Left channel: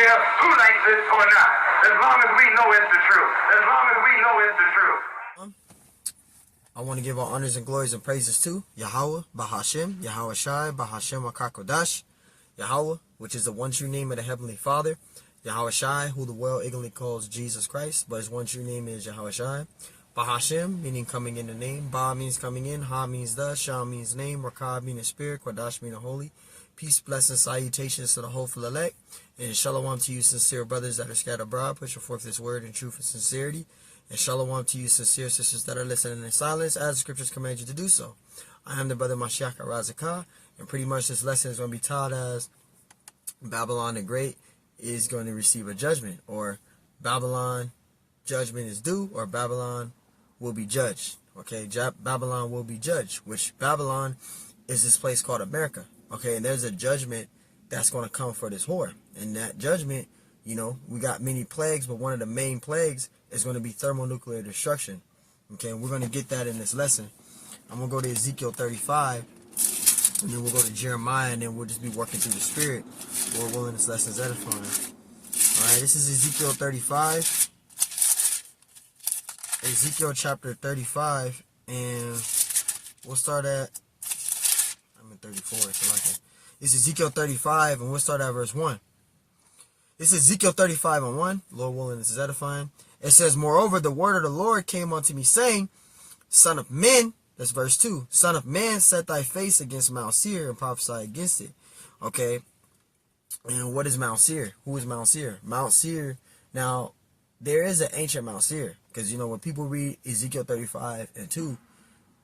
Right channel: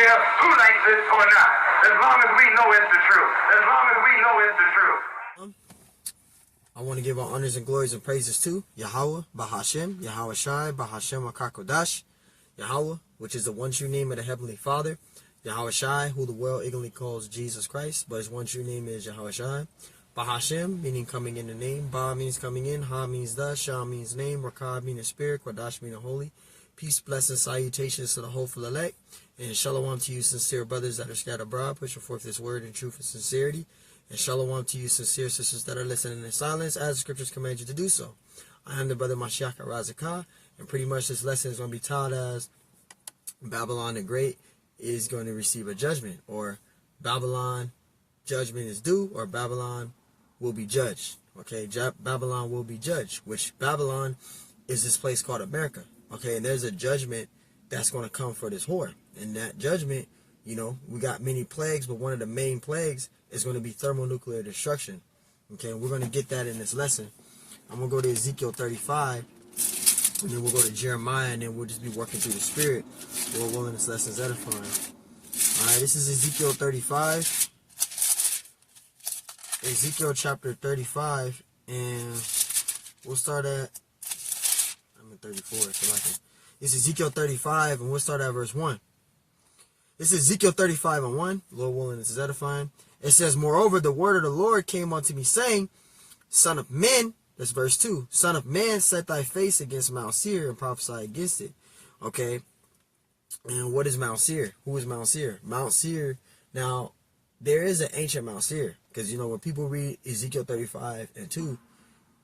care who likes it or not. As long as we know it's the truth. As long as we know it's the truth. I want to give all honors and glories and praises to Yahweh, Bahashem, Yahweh Shai, Bahashem Akakodash, Yahweh, which is the one true name of the Heavenly Father, Yahweh Shai, who the world ignorantly calls Jesus Christ, but his one true name is Yahweh Shai. Bahashem, meaning coming in the name. Ba means coming in. Ha means the. Shah means name. Rakab meaning spirit. Kodash meaning holy. Peace, blessings, salutations to the hopeful elect. And shalom to you, sincere brothers that are scattered abroad, pushing forth this word in truth and sincerity. And shalom to you, sincere sisters that are listening in silence, as the scriptures command you to do so. I am the brother Mashiach Razakah, and pretty much this lesson is going to be taught as Babylon the Great is going to receive a judgment, or Babylon judgment is due, or Babylon will be judged. Okay, Babylon will be judged, which Babylon is this place called America. Okay, and there's a judgment that's going to come for this whore. And that judgment, you know, we got many plagues, but one of the main plagues is going to be thermonuclear destruction. Okay, and we're going to get that in this lesson. I'm going to go to Ezekiel 35, and then we'll go to Jeremiah, and then we'll just be working through the Spirit. Lord willing, this lesson is edifying. All right, this is Ezekiel 35. Ezekiel chapter 35, and we'll start at, I'm in 34, so I can. This is Ezekiel 35, and we'll start at verse 1. This is Ezekiel 35 and 1. Lord willing, this is edifying. It says, moreover, the word of the Lord came unto me, saying, Son of man, that's verse 2. Son of man, set thy face against Mount Seir and prophesy against it. Okay. And what is Mount Seir? Who is Mount Seir? Mount Seir, now, there is an ancient Mount Seir. Because, you know, when people read Ezekiel 35 and 2,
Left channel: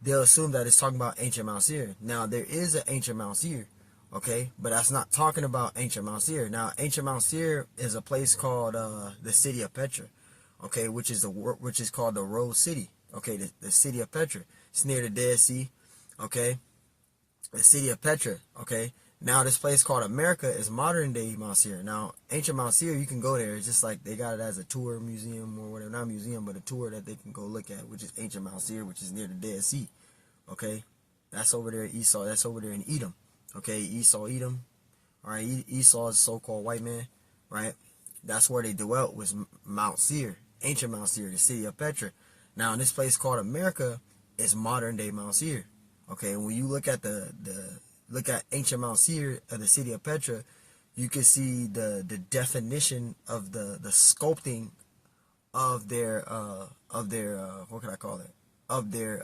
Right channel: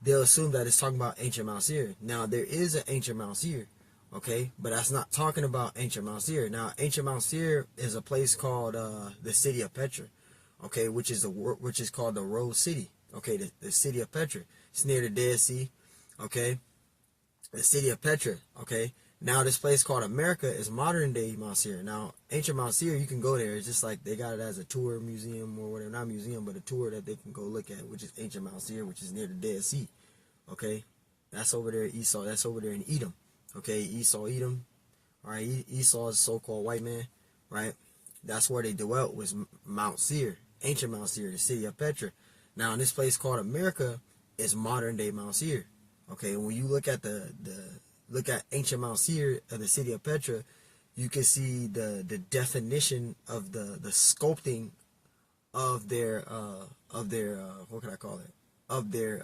they'll assume that it's talking about ancient Mount Seir. Now, there is an ancient Mount Seir. Okay, but that's not talking about ancient Mount Seir. Now, ancient Mount Seir is a place called the city of Petra. Okay, which is called the Rose City. Okay, the city of Petra. It's near the Dead Sea. Okay, the city of Petra. Okay, now this place called America is modern day Mount Seir. Now, ancient Mount Seir, you can go there. It's just like they got it as a tour museum or whatever, not a museum, but a tour that they can go look at, which is ancient Mount Seir, which is near the Dead Sea. Okay, that's over there, Esau. That's over there in Edom. Okay, Esau, Edom. All right, Esau is a so-called white man, right? That's where they dwelt, was Mount Seir, ancient Mount Seir, the city of Petra. Now, in this place called America, is modern day Mount Seir. Okay, and when you look at look at ancient Mount Seir of the city of Petra, you can see the definition of the sculpting of their what can I call it? Of their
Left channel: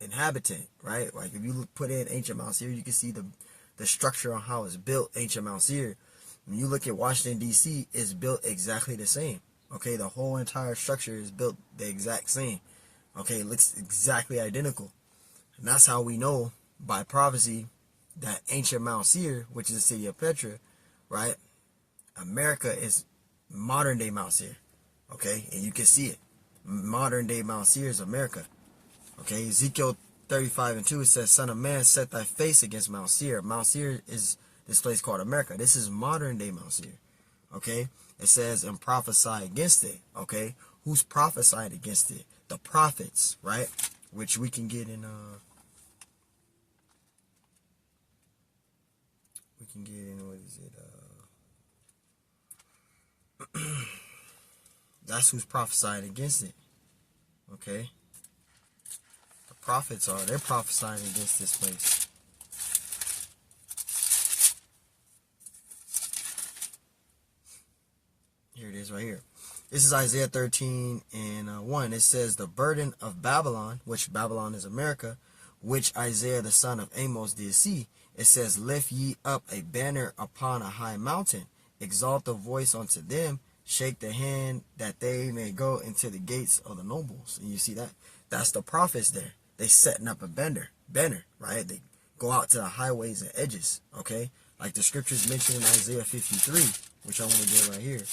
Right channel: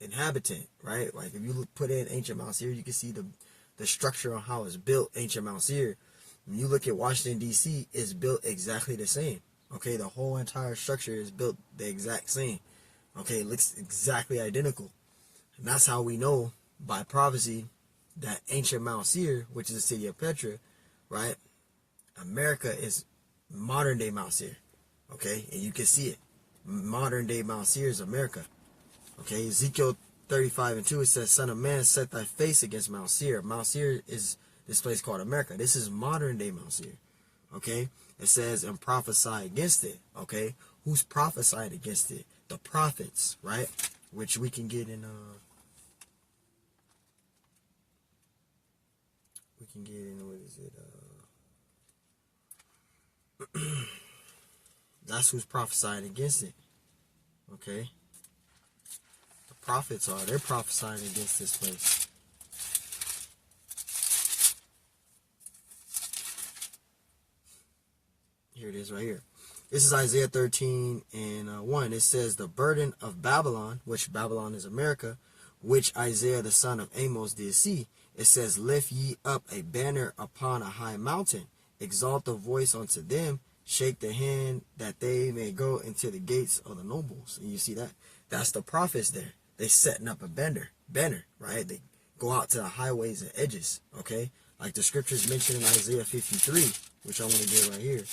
inhabitant, right? Like if you put in ancient Mount Seir, you can see the structure on how it's built, ancient Mount Seir. When you look at Washington, D.C., it's built exactly the same. Okay, the whole entire structure is built the exact same. Okay, it looks exactly identical. And that's how we know by prophecy that ancient Mount Seir, which is the city of Petra, right? America is modern day Mount Seir. Okay, and you can see it. Modern day Mount Seir is America. Okay, Ezekiel 35 and 2, it says, Son of man, set thy face against Mount Seir. Mount Seir is this place called America. This is modern day Mount Seir. Okay, it says, and prophesy against it. Okay, who's prophesying against it? The prophets, right? Which we can get in, what is it? That's who's prophesying against it. Okay. Prophets they're prophesying against this place. Here it is right here. This is Isaiah 13 and 1. It says, the burden of Babylon, which Babylon is America, which Isaiah the son of Amos did see. It says, lift ye up a banner upon a high mountain, exalt the voice unto them, shake the hand that they may go into the gates of the nobles. And you see that? That's the prophets there. They setting up a banner, right? They go out to the highways and edges, okay? Like the scriptures mentioned in Isaiah 53, which I want to get right here.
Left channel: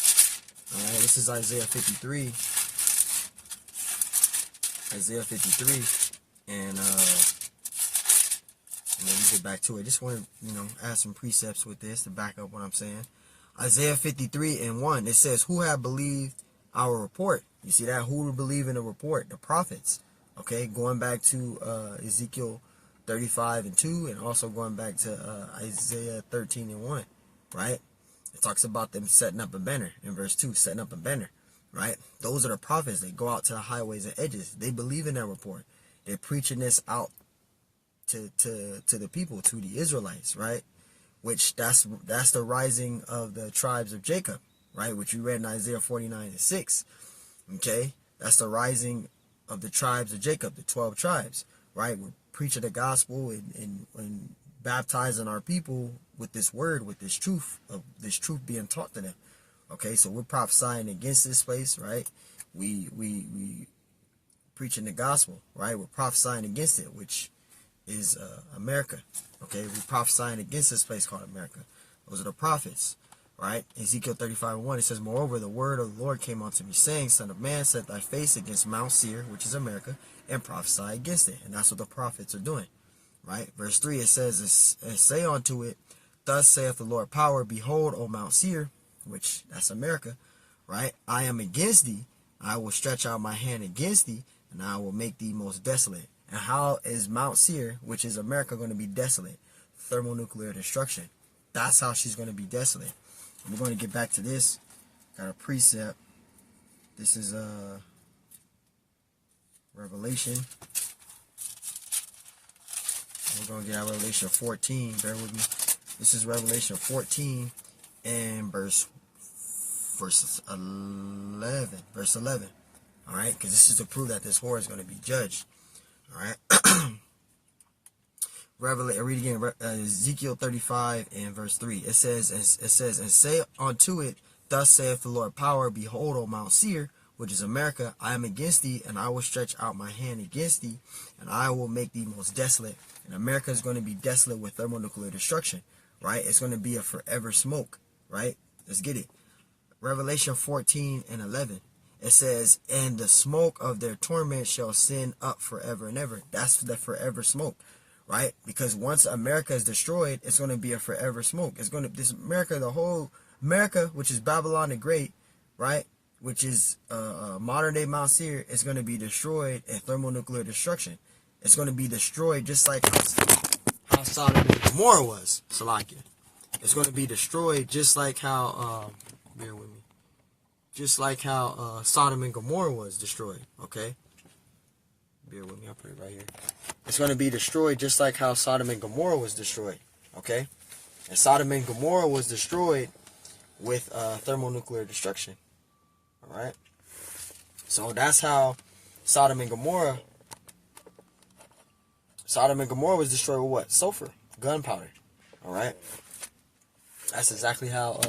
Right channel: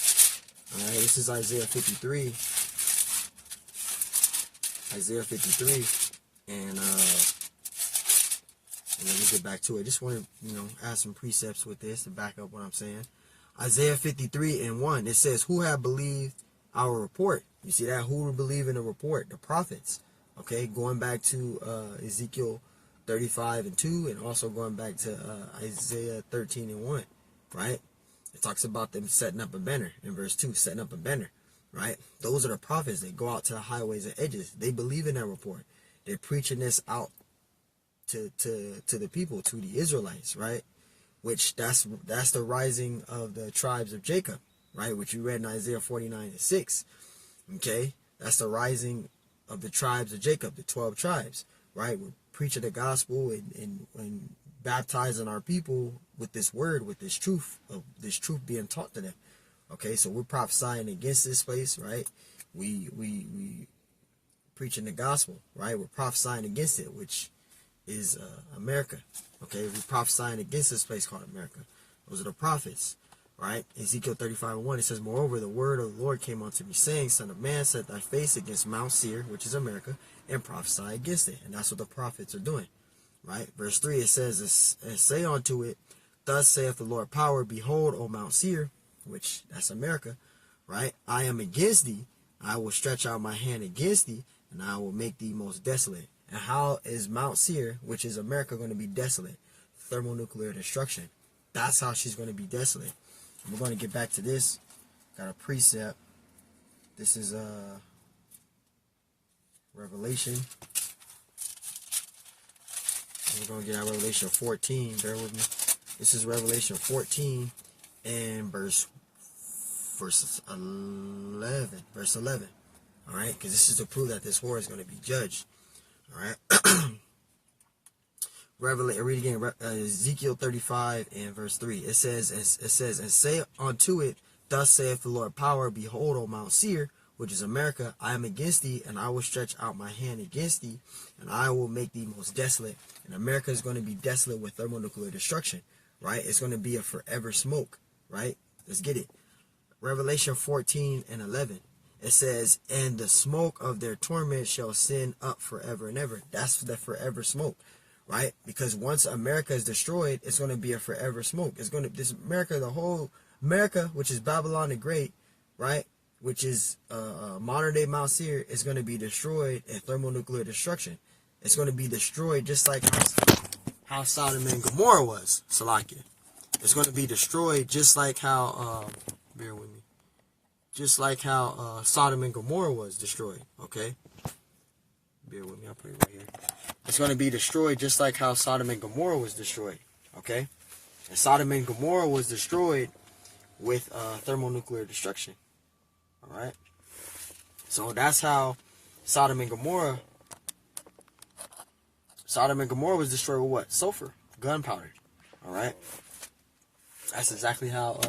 All right, this is Isaiah 53. Isaiah 53, and let me get back to it. Just want to, add some precepts with this to back up what I'm saying. Isaiah 53 and 1, it says, who have believed our report? You see that? Who will believe in the report? The prophets. Okay, going back to Ezekiel 35 and 2, and also going back to Isaiah 13 and 1, right? It talks about them setting up a banner in verse 2, setting up a banner, right? Those are the prophets. They go out to the highways and edges. They believe in that report. They're preaching this out to the people, to the Israelites, right? Which that's the rising of the tribes of Jacob, right? Which you read in Isaiah 49:6. Okay? That's the rising of the tribes of Jacob, the 12 tribes, right? We're preaching the gospel and baptizing our people with this word, with this truth being taught to them. Okay, so we're prophesying against this place, right? We preaching the gospel, right? We're prophesying against it, which is America. Okay, we're prophesying against this place called America. Those are the prophets, right? Ezekiel 35:1, it says, moreover, the word of the Lord came unto me, saying, Son of man, set thy face against Mount Seir, which is America, and prophesy against it. And that's what the prophets are doing, right? Verse 3, it says, and say unto it, thus saith the Lord power, behold, O Mount Seir, which that's America, right? I am against thee, I will stretch out my hand against thee, and I will make thee most desolate. And how is Mount Seir, which is America, going to be desolate? Thermonuclear destruction. That's how she's going to be desolate. And we're going to get back to this. Got a precept. This is Revelation. And we're going to get out Revelation 14. Bear with me. This is Revelation 14 and verse 11. Verse 11. All right, because this is to prove that this whore is going to be judged. All right. Read again. Ezekiel 35 and verse 3. It says, and say unto it, thus saith the Lord power, behold, O Mount Seir, which is America, I am against thee, and I will stretch out my hand against thee, and I will make thee most desolate. And America is going to be desolate with thermonuclear destruction, right? It's going to be a forever smoke, right? Let's get it. Revelation 14 and 11. It says, and the smoke of their torment shall send up forever and ever. That's the forever smoke, right? Because once America is destroyed, it's going to be a forever smoke. It's going to, this America, the whole America, which is Babylon the Great, right? Which is modern day Mount Seir, is going to be destroyed in thermonuclear destruction. It's going to be destroyed just like how Sodom and Gomorrah was, Salakia. It's going to be destroyed just like how, bear with me. Just like how Sodom and Gomorrah was destroyed, okay? Bear with me, I'll put it right here. It's going to be destroyed just like how Sodom and Gomorrah was destroyed, okay? And Sodom and Gomorrah was destroyed with thermonuclear destruction, all right? So that's how Sodom and Gomorrah was destroyed with what? Sulfur, gunpowder, all right? That's exactly how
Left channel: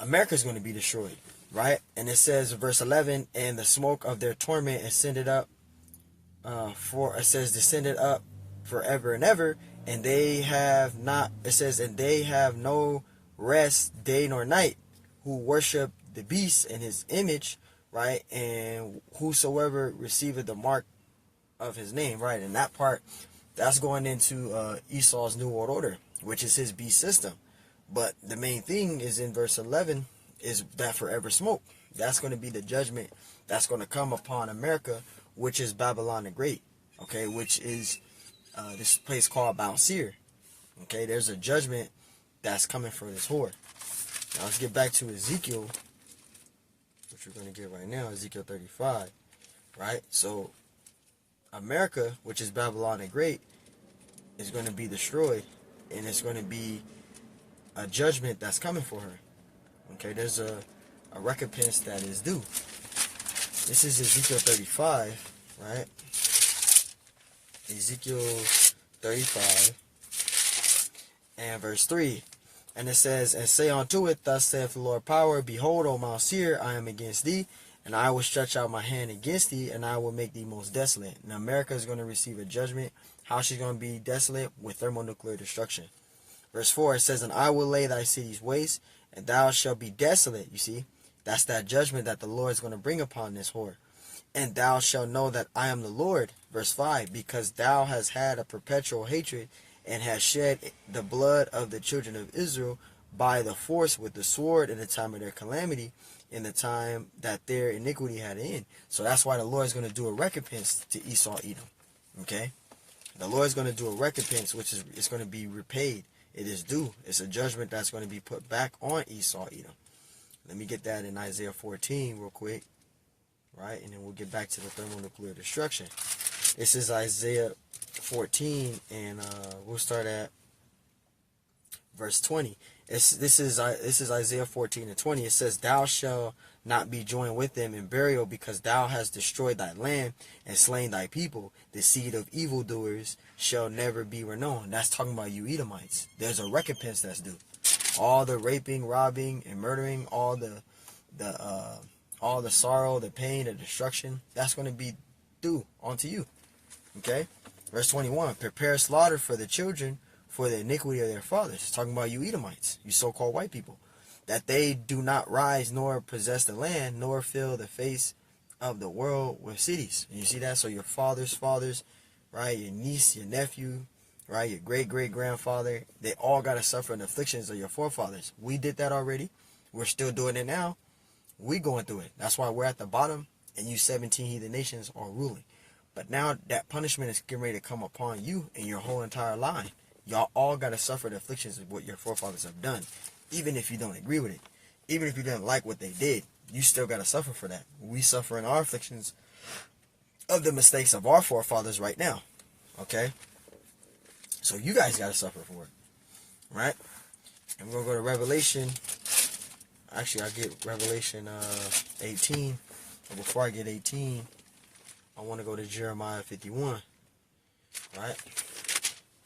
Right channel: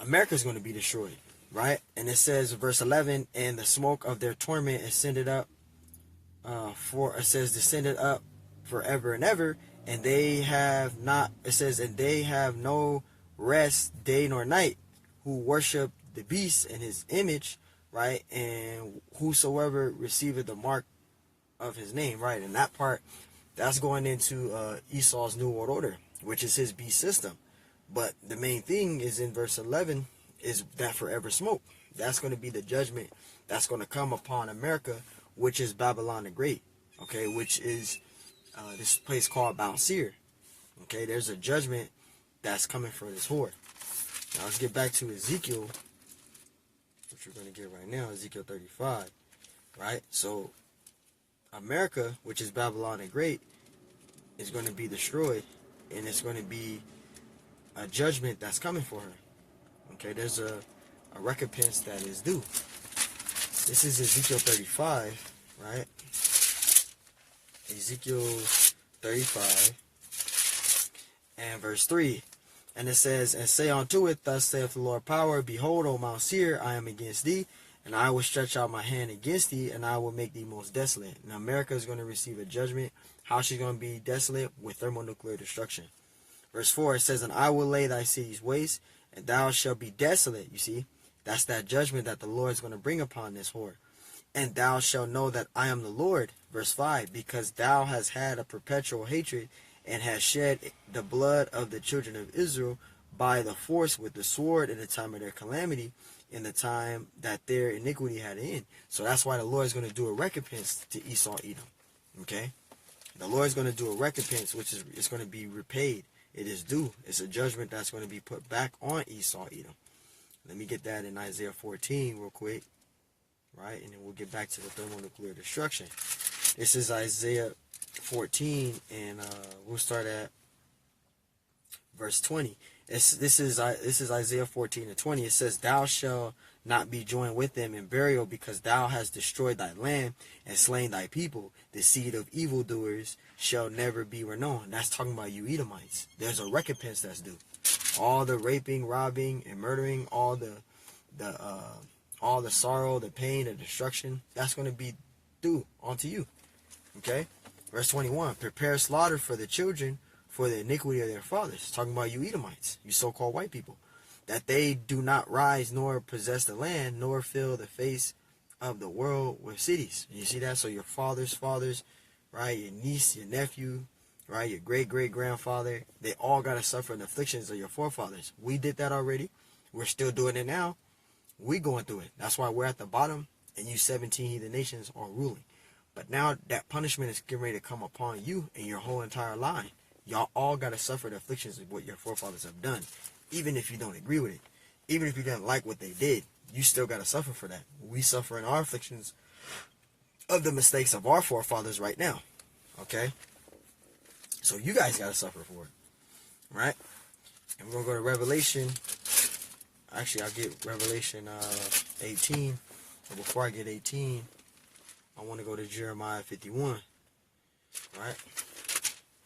America is going to be destroyed, right? And it says, verse 11, and the smoke of their torment ascended up, descended up forever and ever, and they have not, it says, and they have no rest day nor night, who worship the beast and his image, right? And whosoever receiveth the mark of his name, right? And that part, that's going into Esau's New World Order, which is his beast system. But the main thing is in verse 11 is that forever smoke. That's going to be the judgment that's going to come upon America, which is Babylon the Great, okay, which is this place called Mount Seir. Okay, there's a judgment that's coming for this whore. Now let's get back to Ezekiel, which we're going to get right now, Ezekiel 35, right? So America, which is Babylon the Great, is going to be destroyed, and it's going to be a judgment that's coming for her. Okay, there's a recompense that is due. This is Ezekiel 35, right? Ezekiel 35 and verse 3. And it says, and say unto it, thus saith the Lord power, behold, O Mount Seir, I am against thee, and I will stretch out my hand against thee, and I will make thee most desolate. Now America is going to receive a judgment. How she's going to be desolate? With thermonuclear destruction. Verse 4, it says, and I will lay thy cities waste, and thou shalt be desolate. You see, that's that judgment that the Lord is going to bring upon this whore. And thou shalt know that I am the Lord. Verse 5, because thou hast had a perpetual hatred, and hast shed the blood of the children of Israel by the force with the sword in the time of their calamity, in the time that their iniquity had an end. So that's why the Lord is going to do a recompense to Esau, Edom. Okay? The Lord is going to do a recompense, which is it's going to be repaid. It is due. It's a judgment that's going to be put back on Esau, Edom. Let me get that in Isaiah 14 real quick, right? And then we'll get back to the thermonuclear destruction. This is Isaiah 14, and we'll start at verse 20. This is Isaiah 14 and 20. It says, "Thou shalt not be joined with them in burial, because thou hast destroyed thy land and slain thy people. The seed of evildoers shall never be renowned." That's talking about you Edomites. There's a recompense that's due. All the raping, robbing, and murdering, all the sorrow, the pain, the destruction, that's going to be due onto you. Okay? Verse 21, "Prepare slaughter for the children for the iniquity of their fathers." It's talking about you Edomites, you so-called white people. "That they do not rise nor possess the land, nor fill the face of the world with cities." And you see that? So your father's fathers, right? Your niece, your nephew, right? Your great-great-grandfather, they all got to suffer the afflictions of your forefathers. We did that already. We're still doing it now. We going through it. That's why we're at the bottom, and you 17 heathen nations are ruling. But now that punishment is getting ready to come upon you and your whole entire line. Y'all all got to suffer the afflictions of what your forefathers have done. Even if you don't agree with it. Even if you didn't like what they did, you still got to suffer for that. We suffer in our afflictions of the mistakes of our forefathers right now. Okay? So you guys got to suffer for it. Right? And we're going to go to Revelation. Actually, I'll get Revelation 18. But before I get 18, I want to go to Jeremiah 51. Right?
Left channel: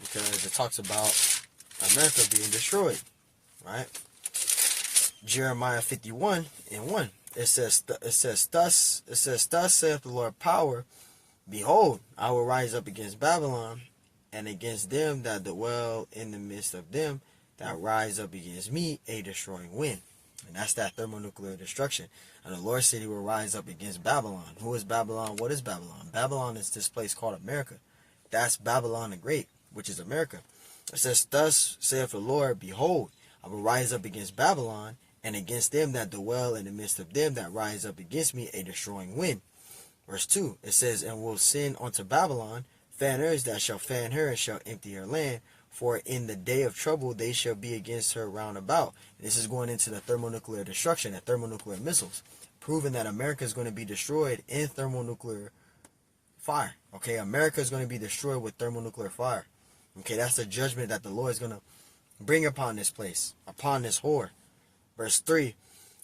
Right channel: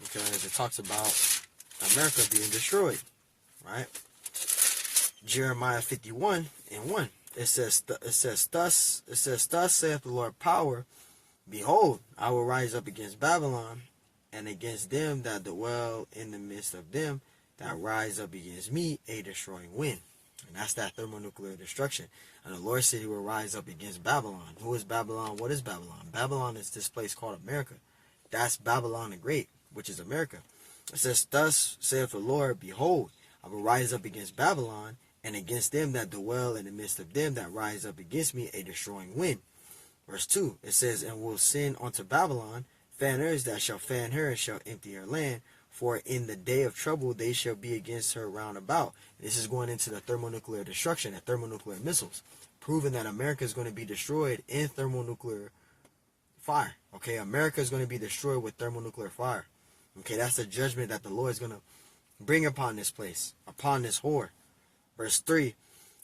Because it talks about America being destroyed. Right? Jeremiah 51 and 1. It says, thus saith the Lord power, behold, I will rise up against Babylon, and against them that dwell in the midst of them that rise up against me, a destroying wind. And that's that thermonuclear destruction. And the Lord said he will rise up against Babylon. Who is Babylon? What is Babylon? Babylon is this place called America. That's Babylon the Great, which is America. It says, thus saith the Lord, behold, I will rise up against Babylon, and against them that dwell in the midst of them that rise up against me, a destroying wind. Verse 2, it says, and will send unto Babylon fanners that shall fan her and shall empty her land, for in the day of trouble they shall be against her round about. This is going into the thermonuclear destruction, the thermonuclear missiles, proving that America is going to be destroyed in thermonuclear fire. Okay, America is going to be destroyed with thermonuclear fire. Okay, that's the judgment that the Lord is going to bring upon this place, upon this whore. Verse 3,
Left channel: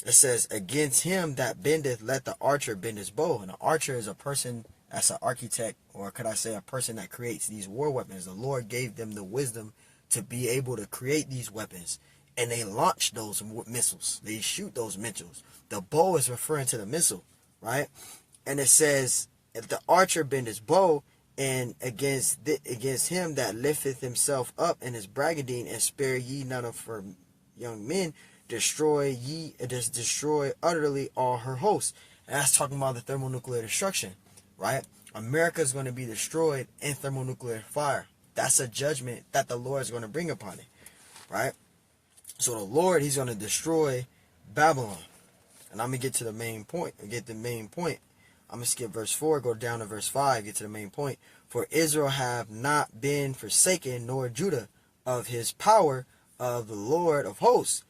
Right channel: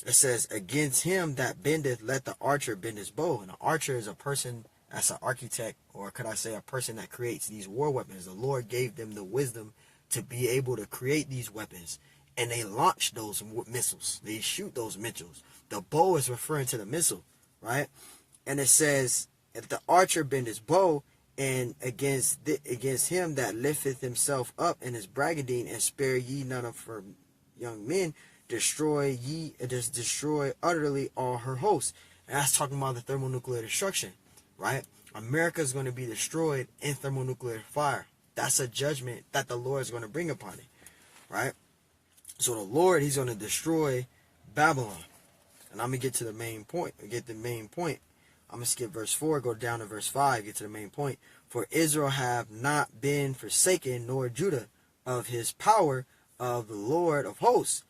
it says, against him that bendeth, let the archer bend his bow. And an archer is a person that's an architect, or could I say a person that creates these war weapons. The Lord gave them the wisdom to be able to create these weapons. And they launch those missiles. They shoot those missiles. The bow is referring to the missile, right? And it says, if the archer bend his bow, and against him that lifteth himself up in his braggadine, and spare ye none of her young men, destroy utterly all her hosts. And that's talking about the thermonuclear destruction, right? America is going to be destroyed in thermonuclear fire. That's a judgment that the Lord is going to bring upon it, right? So the Lord, he's going to destroy Babylon. And I'm going to get to the main point. I'm going to skip verse 4, go down to verse 5, get to the main point. For Israel have not been forsaken, nor Judah, of his power of the Lord of hosts.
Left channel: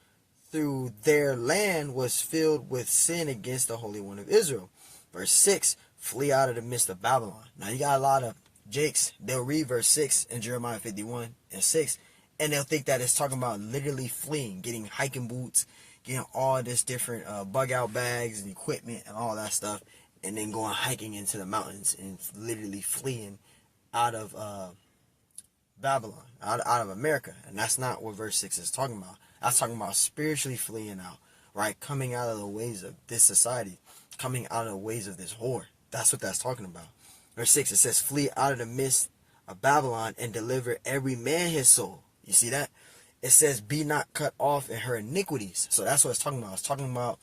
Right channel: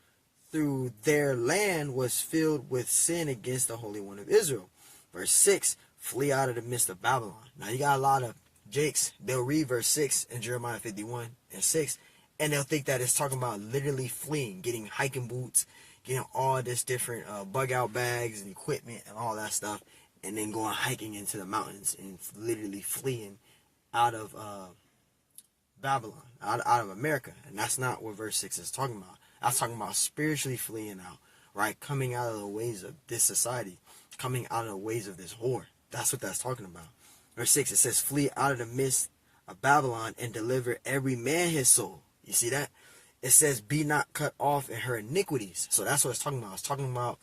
Through their land was filled with sin against the Holy One of Israel. Verse 6, flee out of the midst of Babylon. Now you got a lot of jakes. They'll read verse 6 in Jeremiah 51 and 6, and they'll think that it's talking about literally fleeing, getting hiking boots, getting all this different bug out bags and equipment and all that stuff, and then going hiking into the mountains and literally fleeing out of Babylon, out of America. And that's not what verse 6 is talking about. That's talking about spiritually fleeing out, right? Coming out of the ways of this society, coming out of the ways of this whore. That's what that's talking about. Verse 6, it says, flee out of the midst of Babylon and deliver every man his soul. You see that? It says, be not cut off in her iniquities. So that's what it's talking about. It's talking about,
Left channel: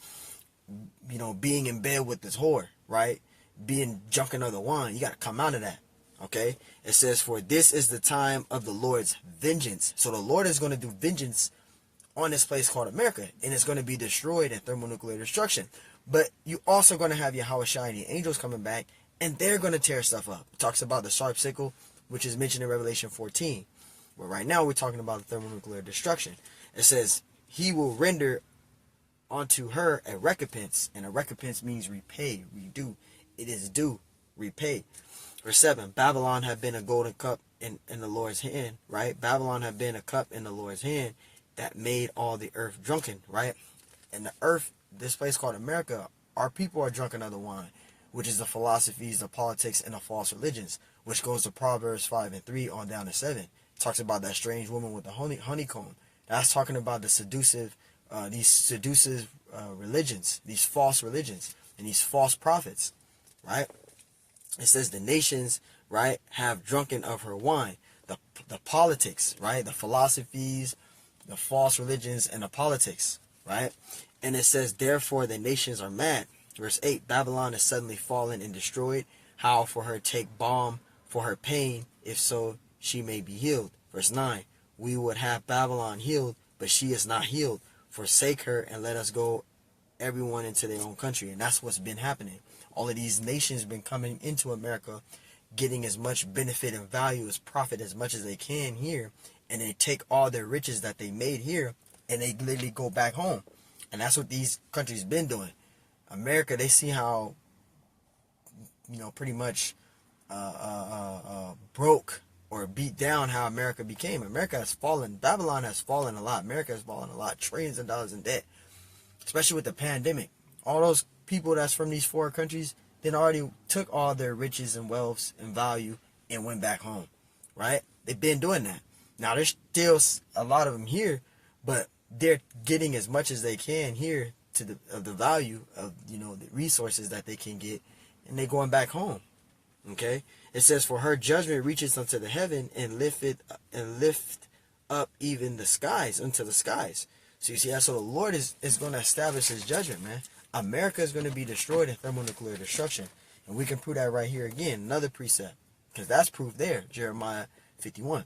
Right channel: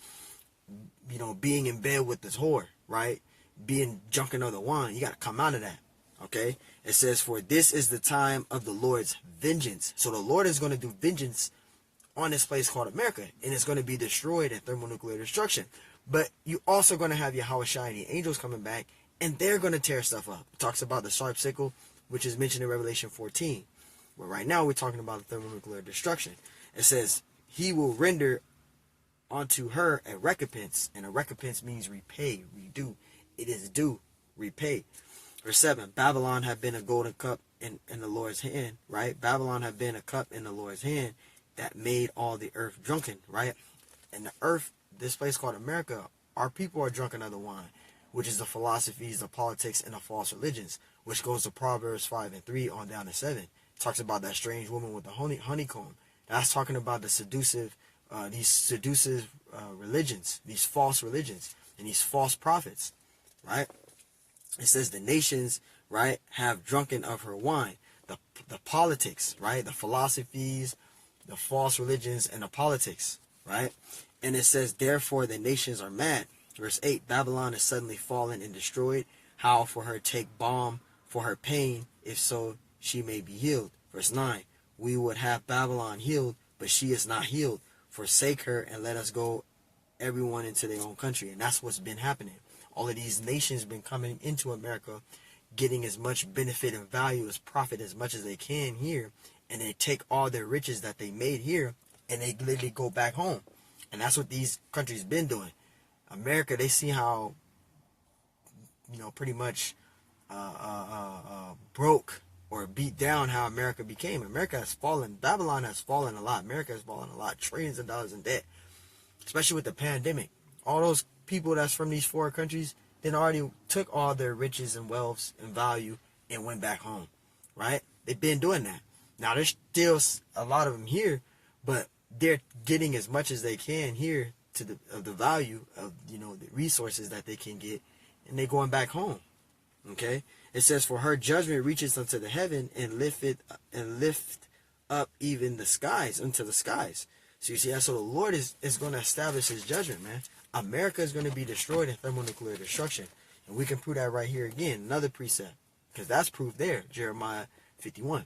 you know, being in bed with this whore, right? Being drunken of the wine. You got to come out of that, okay? It says, for this is the time of the Lord's vengeance. So the Lord is going to do vengeance on this place called America, and it's going to be destroyed in thermonuclear destruction. But you also going to have your Yahushua and the angels coming back, and they're going to tear stuff up. It talks about the sharp sickle, which is mentioned in Revelation 14, But right now we're talking about the thermonuclear destruction. It says, he will render unto her a recompense, and a recompense means repay, redo. It is due, repay. Verse 7, Babylon had been a golden cup in the Lord's hand, right? Babylon had been a cup in the Lord's hand that made all the earth drunken, right? And the earth, this place called America, our people are drunken of the wine, which is the philosophies, the politics, and the false religions, which goes to Proverbs 5:3 on down to 7. It talks about that strange woman with the honeycomb. That's talking about the seductive religions, these false religions, and these false prophets, right? It says the nations, right, have drunken of her wine. The politics, right, the philosophies, the false religions, and the politics, right? And it says, therefore the nations are mad. Verse 8, Babylon is suddenly fallen and destroyed. How for her take balm for her pain, if so she may be healed. Verse 9, we would have Babylon healed, but she is not healed. Forsake her and let us go everyone into their own country. And that's what's been happening. All of these nations have been coming into America, getting as much benefit and value as profit as much as they can here, and they take all their riches that they made here and they literally go back home. And that's what these countries been doing. America, they see how, pretty much broke or beat down how America became. America has fallen. Babylon has fallen a lot. America has fallen a lot. Trillions of dollars in debt, especially with the pandemic. All those people that's from these foreign countries then already took all their riches and wealths and value and went back home, right? They've been doing that. Now, there's still a lot of them here, but they're getting as much as they can here of the value of, the resources that they can get, and they're going back home, okay? It says, for her judgment reaches unto the heaven and lift up even the skies, unto the skies. So you see, so the Lord is going to establish his judgment, man. America is going to be destroyed in thermonuclear destruction. And we can prove that right here again. Another precept. Because that's proof there. Jeremiah 51.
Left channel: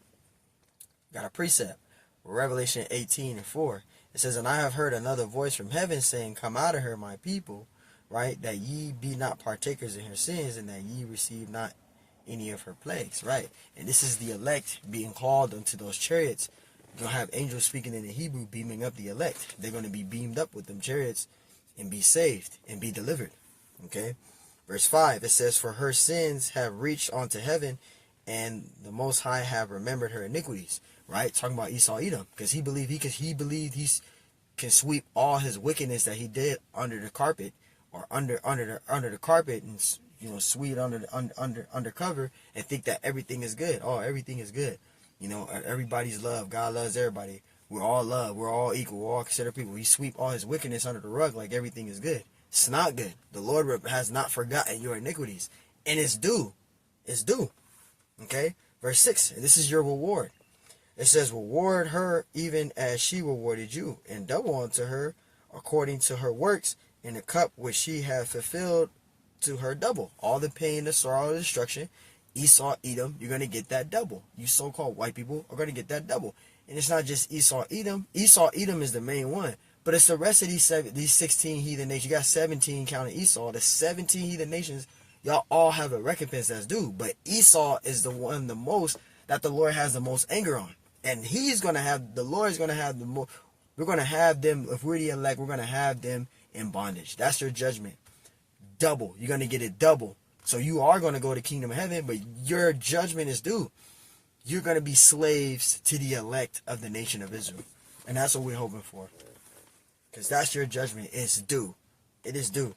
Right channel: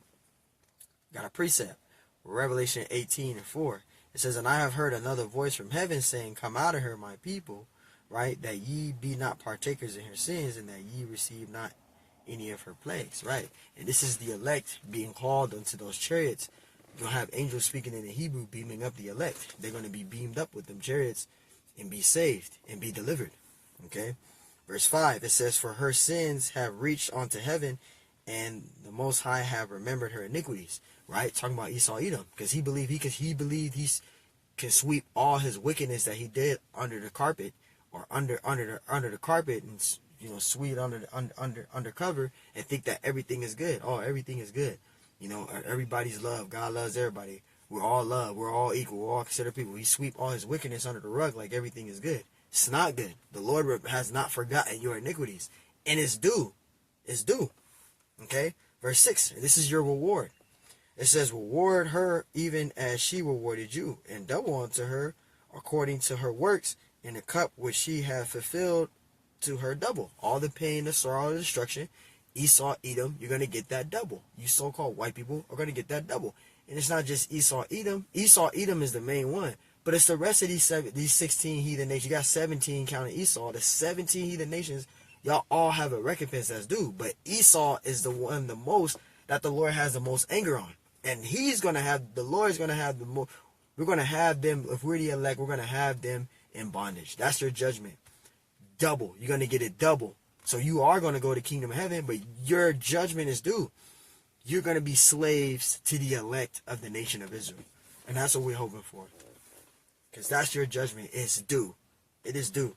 Got a precept. Revelation 18:4. It says, and I have heard another voice from heaven saying, come out of her, my people, right? That ye be not partakers in her sins, and that ye receive not any of her plagues, right? And this is the elect being called unto those chariots. You're going to have angels speaking in the Hebrew beaming up the elect. They're going to be beamed up with them chariots and be saved and be delivered. Okay. Verse 5, it says, for her sins have reached unto heaven, and the Most High have remembered her iniquities. Right? Talking about Esau Edom. Because he believed he can sweep all his wickedness that he did under the carpet, or under the carpet, and sweep it under cover, and think that everything is good. Oh, everything is good. Everybody's love. God loves everybody. We're all love. We're all equal. We're all considered people. He sweep all his wickedness under the rug like everything is good. It's not good. The Lord has not forgotten your iniquities. And it's due. It's due. Okay? Verse 6. This is your reward. It says, reward her even as she rewarded you, and double unto her according to her works, in the cup which she hath fulfilled to her double. All the pain, the sorrow, the destruction. Esau, Edom, you're going to get that double. You so-called white people are going to get that double. And it's not just Esau, Edom. Esau, Edom is the main one. But it's the rest of these 16 heathen nations. You got 17 counting Esau. The 17 heathen nations, y'all all have a recompense that's due. But Esau is the one the most that the Lord has the most anger on. And the Lord is going to have the most. We're going to have them, if we're the elect, we're going to have them in bondage. That's your judgment. Double. You're going to get it double. So you are going to go to kingdom of heaven, but your judgment is due. You're going to be slaves to the elect of the nation of Israel. And that's what we're hoping for. Because that's your judgment. It's due. It is due.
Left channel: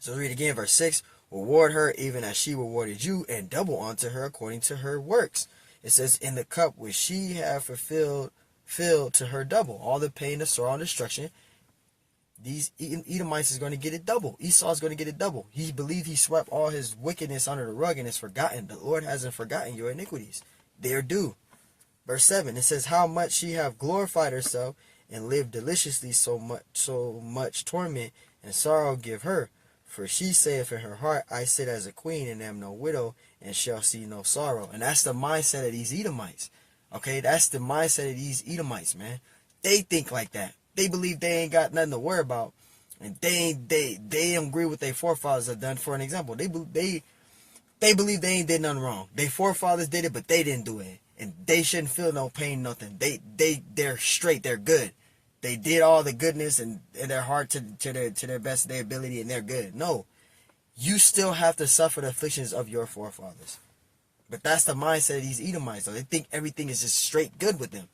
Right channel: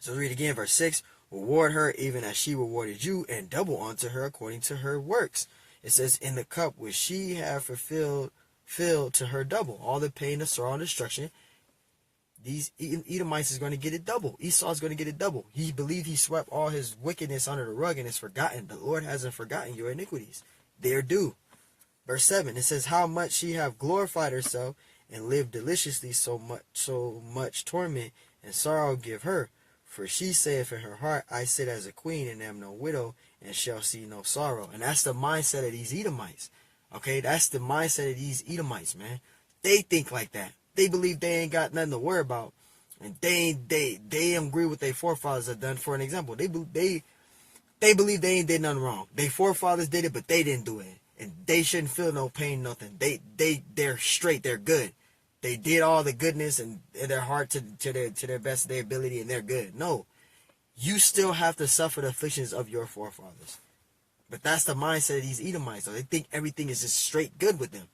So read again, verse 6. Reward her even as she rewarded you, and double unto her according to her works. It says, in the cup which she hath filled to her double. All the pain, the sorrow, and destruction. These Edomites is going to get it double. Esau is going to get it double. He believed he swept all his wickedness under the rug and is forgotten. The Lord hasn't forgotten your iniquities. They are due. Verse 7, it says, how much she have glorified herself and lived deliciously, so much torment and sorrow give her. For she saith in her heart, I sit as a queen and am no widow, and shall see no sorrow. And that's the mindset of these Edomites. Okay, that's the mindset of these Edomites, man. They think like that. They believe they ain't got nothing to worry about, and they agree with their forefathers have done. For an example, they believe they ain't did nothing wrong. Their forefathers did it, but they didn't do it. and they shouldn't feel no pain, nothing. They're straight. They're good. They did all the goodness in their heart to their best of their ability, and they're good. No, you still have to suffer the afflictions of your forefathers. But that's the mindset of these Edomites. So they think everything is just straight good with them.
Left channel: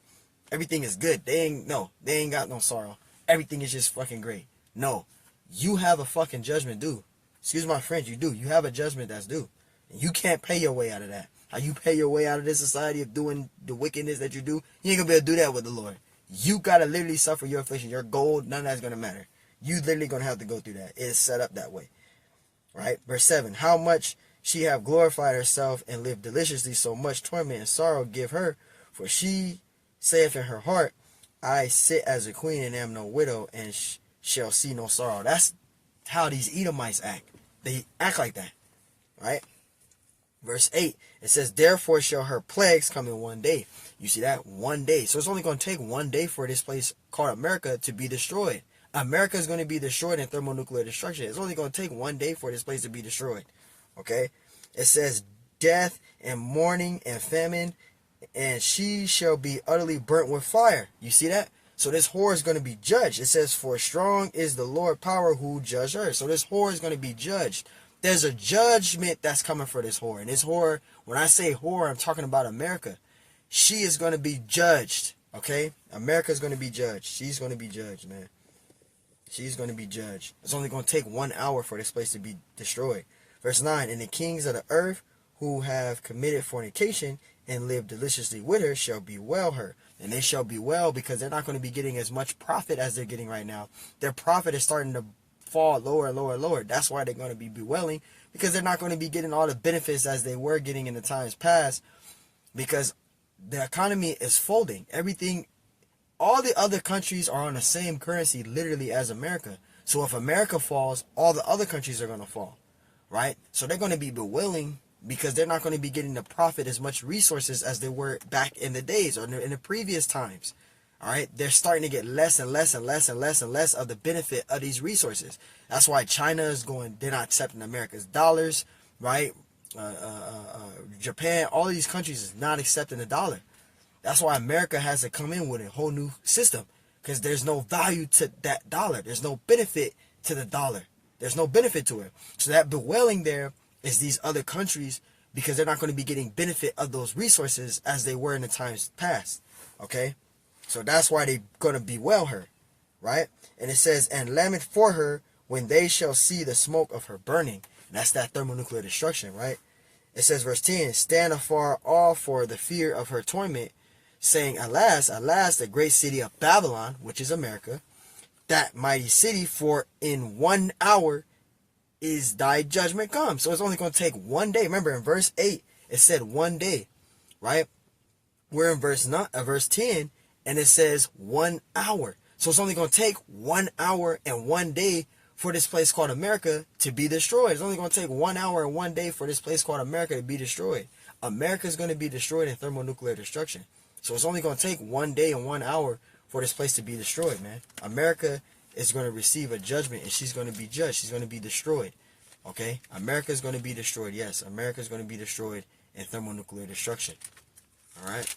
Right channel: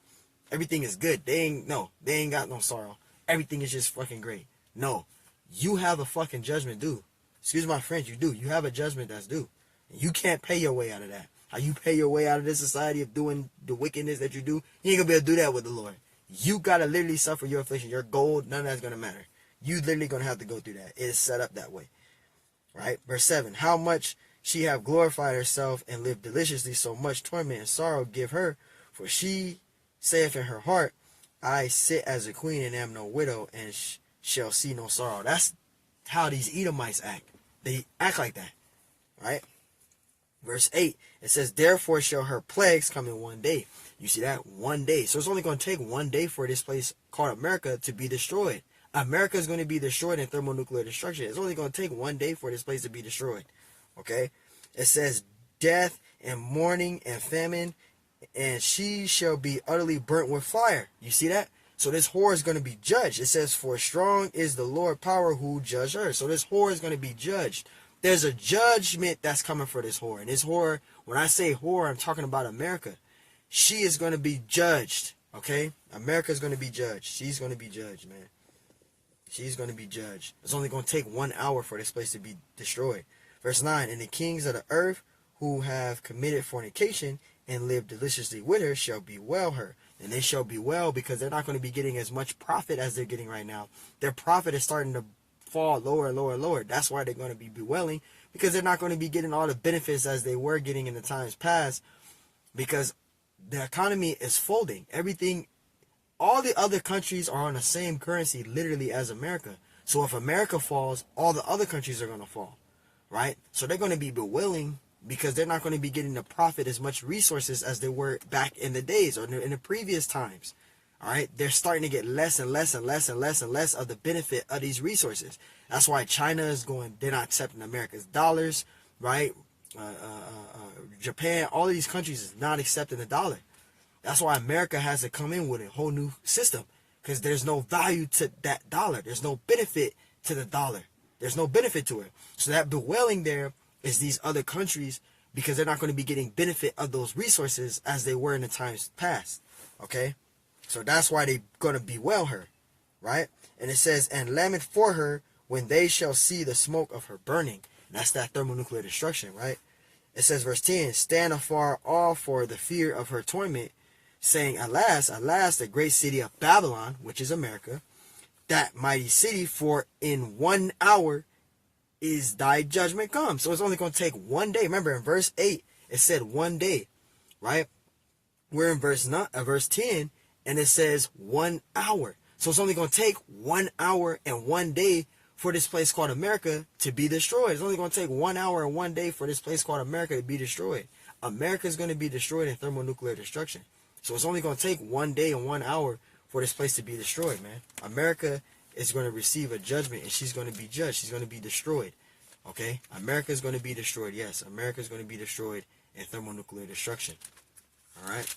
Everything is good. They ain't got no sorrow. Everything is just fucking great. No, you have a fucking judgment due. Excuse my French, you do. You have a judgment that's due. And you can't pay your way out of that. How you pay your way out of this society of doing the wickedness that you do, you ain't gonna be able to do that with the Lord. You gotta literally suffer your affliction. Your gold, none of that's gonna matter. You literally gonna have to go through that. It is set up that way. Right? Verse 7. How much she have glorified herself and lived deliciously, so much torment and sorrow give her. For she saith in her heart, I sit as a queen and am no widow, and shall see no sorrow. That's how these Edomites act. They act like that. Right? Verse 8. It says, therefore shall her plagues come in one day. You see that? One day. So it's only going to take one day for this place called America to be destroyed. America is going to be destroyed in thermonuclear destruction. It's only going to take one day for this place to be destroyed. Okay? It says, death and mourning and famine, and she shall be utterly burnt with fire. You see that? So this whore is going to be judged. It says, for strong is the Lord power who judge her. So this whore is going to be judged. There's a judgment that's coming for this whore. And this whore, when I say whore, I'm talking about America. She is going to be judged. Okay? America is going to be judged. She's going to be judged, man. She's going to be judged. It's only going to take 1 hour for this place to be destroyed. Verse 9, and the kings of the earth who have committed fornication and lived deliciously with her shall bewail her. And they shall bewail because they're not going to be getting as much profit as they're getting right now. Their profit is starting to fall lower and lower and lower. That's why they're going to be bewailing, because they're not going to be getting all the benefits as they were getting in the times past, because the economy is folding. Everything, all the other countries are on the same currency literally as America. So if America falls, all the other countries are going to fall, right? So they're going to be bewailing because they're not going to be getting the profit as much resources as they were back in the days or in the previous times. All right, they're starting to get less and less and less and less and less of the benefit of these resources. That's why China is going, they're not accepting America's dollars, right? Japan, all of these countries is not accepting the dollar. That's why America has to come in with a whole new system, because there's no value to that dollar. There's no benefit to the dollar. There's no benefit to it. So that bewailing there is these other countries, because they're not going to be getting benefit of those resources as they were in the times past. Okay? So that's why they're going to bewail her, right? And it says, and lament for her when they shall see the smoke of her burning. And that's that thermonuclear destruction, right? It says, verse 10, stand afar off for the fear of her torment, saying, alas, alas, the great city of Babylon, which is America, that mighty city, for in 1 hour is thy judgment come. So it's only going to take 1 day. Remember, in verse 8, it said 1 day, right? We're in verse 10, and it says 1 hour. So it's only going to take 1 hour and 1 day for this place called America to be destroyed. It's only going to take 1 hour and 1 day for this place called America to be destroyed. America is going to be destroyed in thermonuclear destruction. So it's only going to take 1 day and 1 hour for this place to be destroyed, man. America is going to receive a judgment, and she's going to be judged. She's going to be destroyed. Okay? America is going to be destroyed. Yes, America is going to be destroyed in thermonuclear destruction. All right?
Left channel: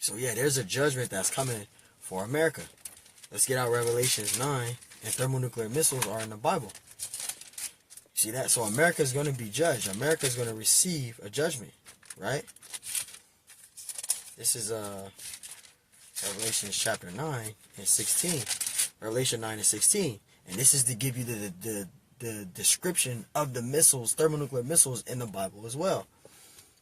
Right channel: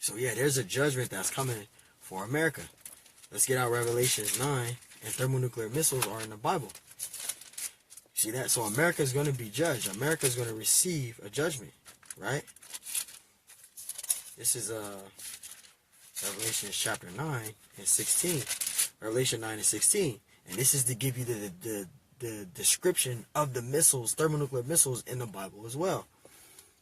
So yeah, there's a judgment that's coming for America. Let's get out Revelations 9, and thermonuclear missiles are in the Bible. See that? So America is going to be judged. America is going to receive a judgment, right? This is Revelation chapter 9 and 16. Revelation 9 and 16. And this is to give you the description of the missiles, thermonuclear missiles in the Bible as well.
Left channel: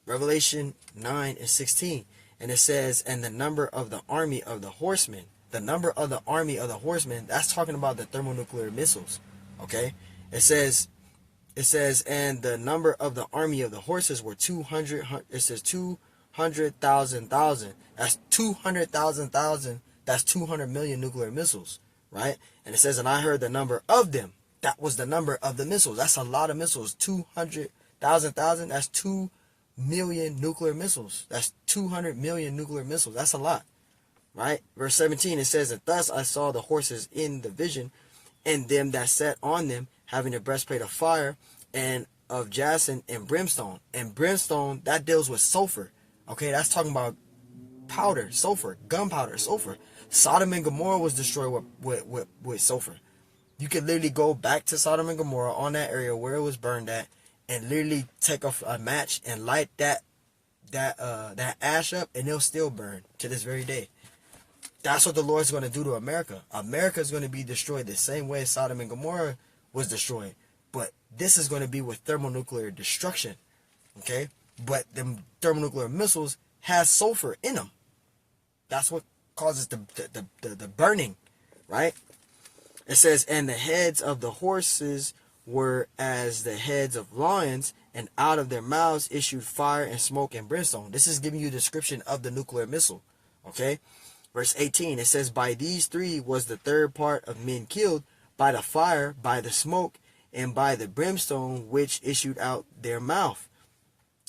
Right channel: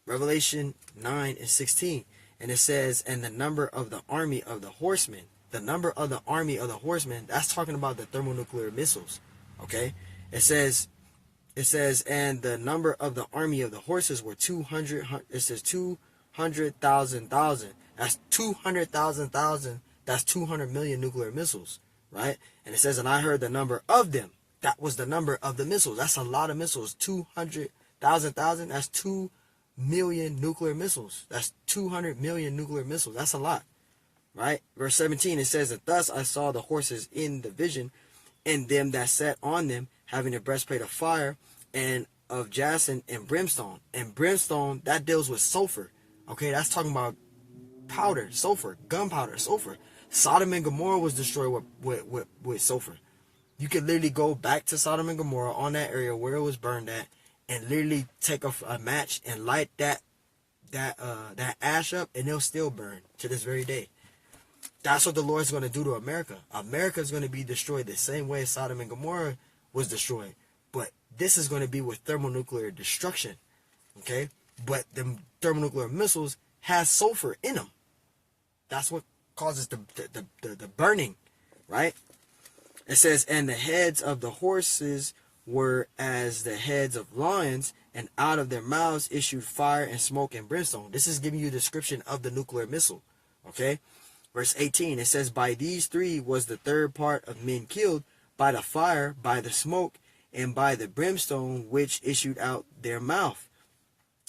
Revelation 9 and 16. And it says, and the number of the army of the horsemen. The number of the army of the horsemen, that's talking about the thermonuclear missiles. Okay? It says, and the number of the army of the horses were 200. It says 200,000. That's 200,000. That's 200 million nuclear missiles. Right? And it says, and I heard the number of them. That was the number of the missiles. That's a lot of missiles. 200,000. That's 2 million nuclear missiles. That's 200 million nuclear missiles. That's a lot. Right? Verse 17, it says, that thus I saw the horses in the vision, and them that sat on them, having a breastplate of fire, and of jacinth and brimstone. And brimstone, that deals with sulfur. Okay, that's talking about powder, sulfur, gunpowder, sulfur. Sodom and Gomorrah was destroyed with sulfur. You could literally go back to Sodom and Gomorrah on that area where it was burned at, and literally take a match and light that ash up, and it'll still burn to this very day. That's what the Lord's going to do to America. America is going to be destroyed the same way Sodom and Gomorrah was destroyed. But this is going to be with thermonuclear destruction. Okay? But the thermonuclear missiles has sulfur in them. That's what causes the burning. Right? It says, and the heads of the horses were as the heads of lions, and out of their mouths issued fire and smoke and brimstone. This is giving you a description of the nuclear missile. Okay? Verse 18, it says, by these three was the third part of men killed, by the fire, by the smoke, and by the brimstone which issued out their mouth.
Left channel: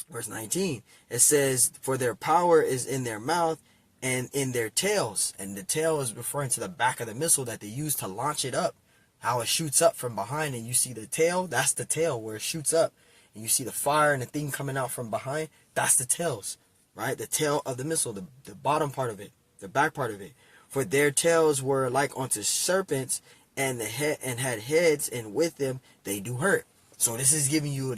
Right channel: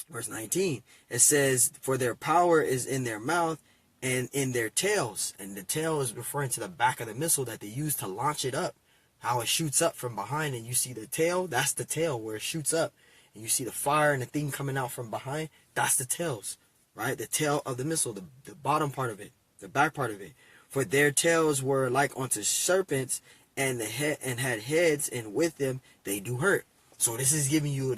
Verse 19, it says, for their power is in their mouth and in their tails. And the tail is referring to the back of the missile that they use to launch it up. How it shoots up from behind, and you see the tail, that's the tail where it shoots up. And you see the fire and the thing coming out from behind, that's the tails, right? The tail of the missile, the bottom part of it, the back part of it. For their tails were like unto serpents, and had heads, and with them they do hurt. So this is giving you a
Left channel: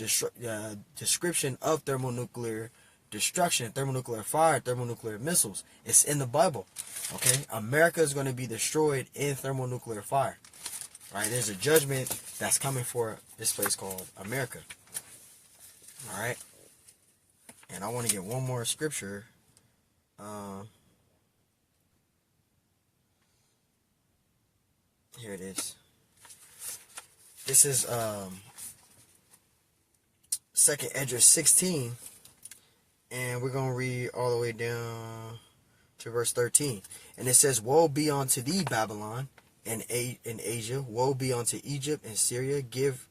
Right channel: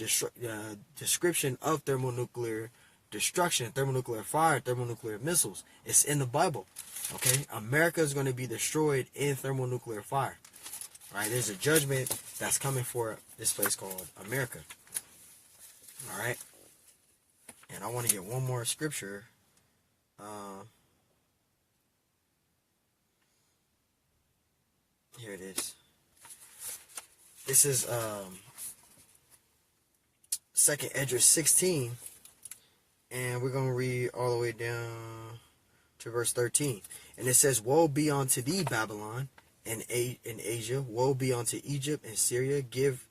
description of thermonuclear destruction, thermonuclear fire, thermonuclear missiles. It's in the Bible. Okay? America is going to be destroyed in thermonuclear fire. Right? There's a judgment that's coming for this place called America. Alright? And I want to get one more scripture. Here it is. This is 2nd Esdras 16. And we're going to read all the way down to verse 13. And it says, woe be unto thee, Babylon, and in Asia, woe be unto Egypt and Syria. Give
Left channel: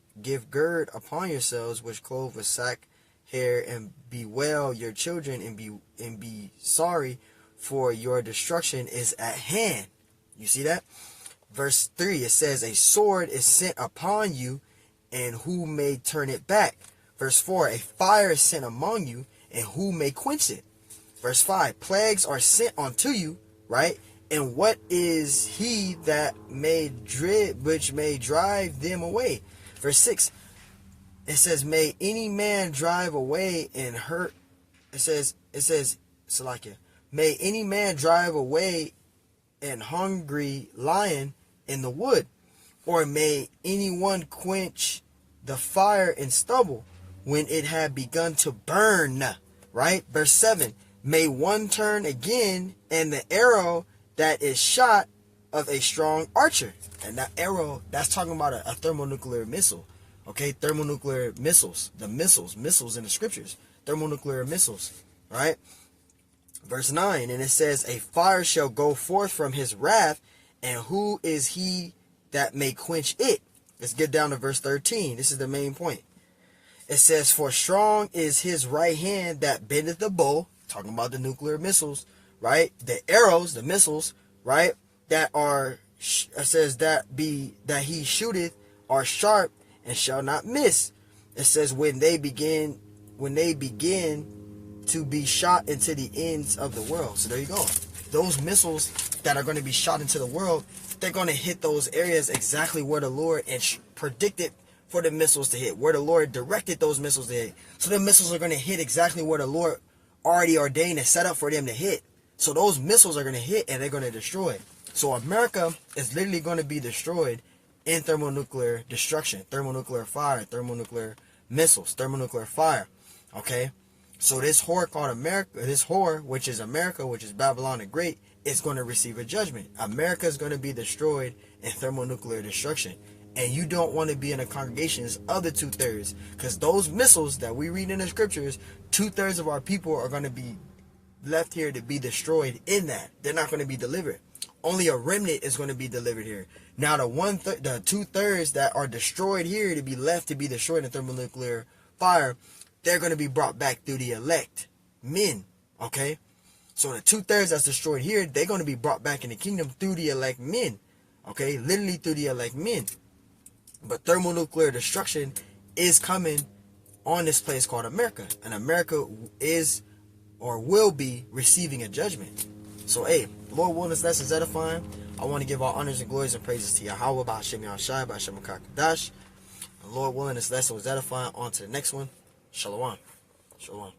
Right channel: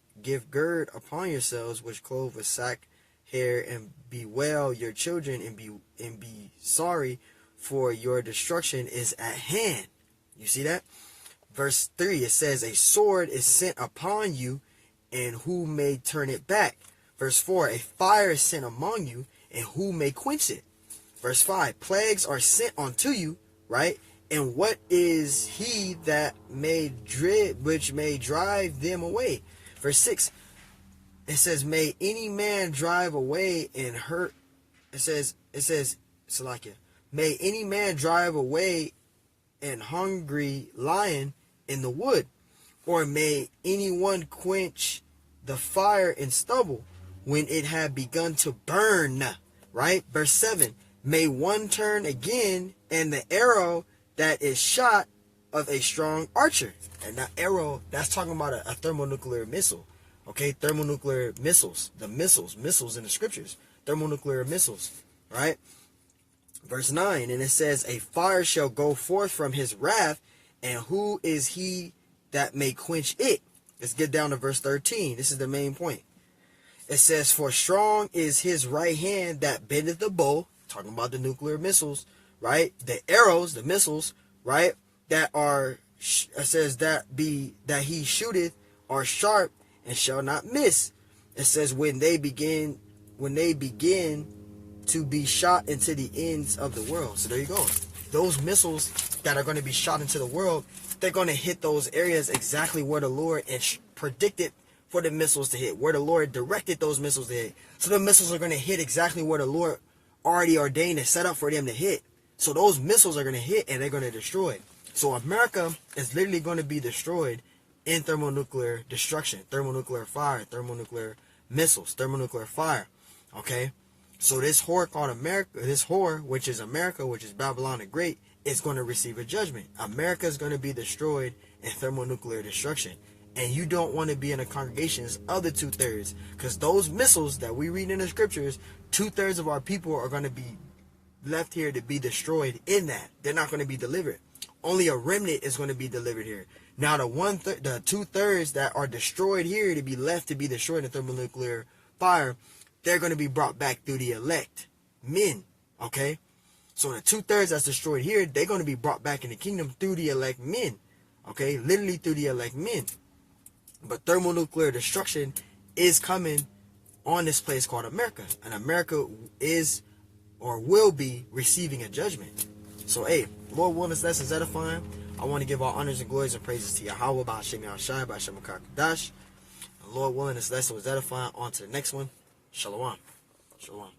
gird upon yourselves, which clothe with sack hair, and bewail your children, and be sorry, for your destruction is at hand. You see that? Verse 3, it says, a sword is sent upon you, and who may turn it back? Verse 4, a fire is sent among you, and who may quench it? Verse 5, plagues are sent unto you, right? And what is he that which may drive them away? Verse 6, it says, may any man drive away and hurt. It says, Salakia, may any man drive away an hungry lion in the wood, or may anyone quench the fire in stubble when it had begun to burn, right? Verse 7, may one turn again, and the arrow that is shot of a strong archer. And that arrow, that's talking about a thermonuclear missile. Okay, thermonuclear missiles, the missiles in the scriptures, thermonuclear missiles, right? Verse 9, and it says, a fire shall go forth from his wrath, and who is he that may quench it? Let's get down to verse 13. This is the main point. It says, for strong is his right hand that bendeth the bow, talking about the nuclear missiles, right? The arrows, the missiles, right? That are, it says that he shooteth are sharp and shall not miss. It says when they begin to be shot into the ends of the world. So there you go. Those missiles that are going to be shot into the world, they're going to hit those areas exactly where the Lord predicted for the missiles to hit, where the Lord directed those missiles to hit. So the missiles are going to hit exactly where the Lord already ordained and set up for them to hit. So those missiles are going to hit and they're going to destroy. So America is literally going to be destroyed in thermonuclear destruction, thermonuclear fire, thermonuclear missiles, thermonuclear fire. Okay? So this whore called America, this whore, which is America, which is Babylon the Great, is going to receive a judgment. America is going to be destroyed in thermonuclear destruction. And you don't want to be in a congregation's other 2/3. Because those missiles that we read in the scriptures, 2/3 of our people are going to be left here to be destroyed in that. They're not going to be delivered. Only a remnant is going to be delivered here. Now the 2/3 that are destroyed here to be left to be destroyed in thermonuclear fire, they're going to be brought back through the elect men. Okay? So the 2/3 that's destroyed here, they're going to be brought back in the kingdom through the elect men. Okay? Literally through the elect men. But thermonuclear destruction is coming on this place called America. And America is or will be receiving a judgment. So, hey, Lord willing, this lesson is edifying. I want to give all honors and glories and praises to Yahweh, B'Hashem Yahushai, B'Hashem HaKadosh. And Lord willing, this lesson was edifying. On to the next one. Shalom. Shalom.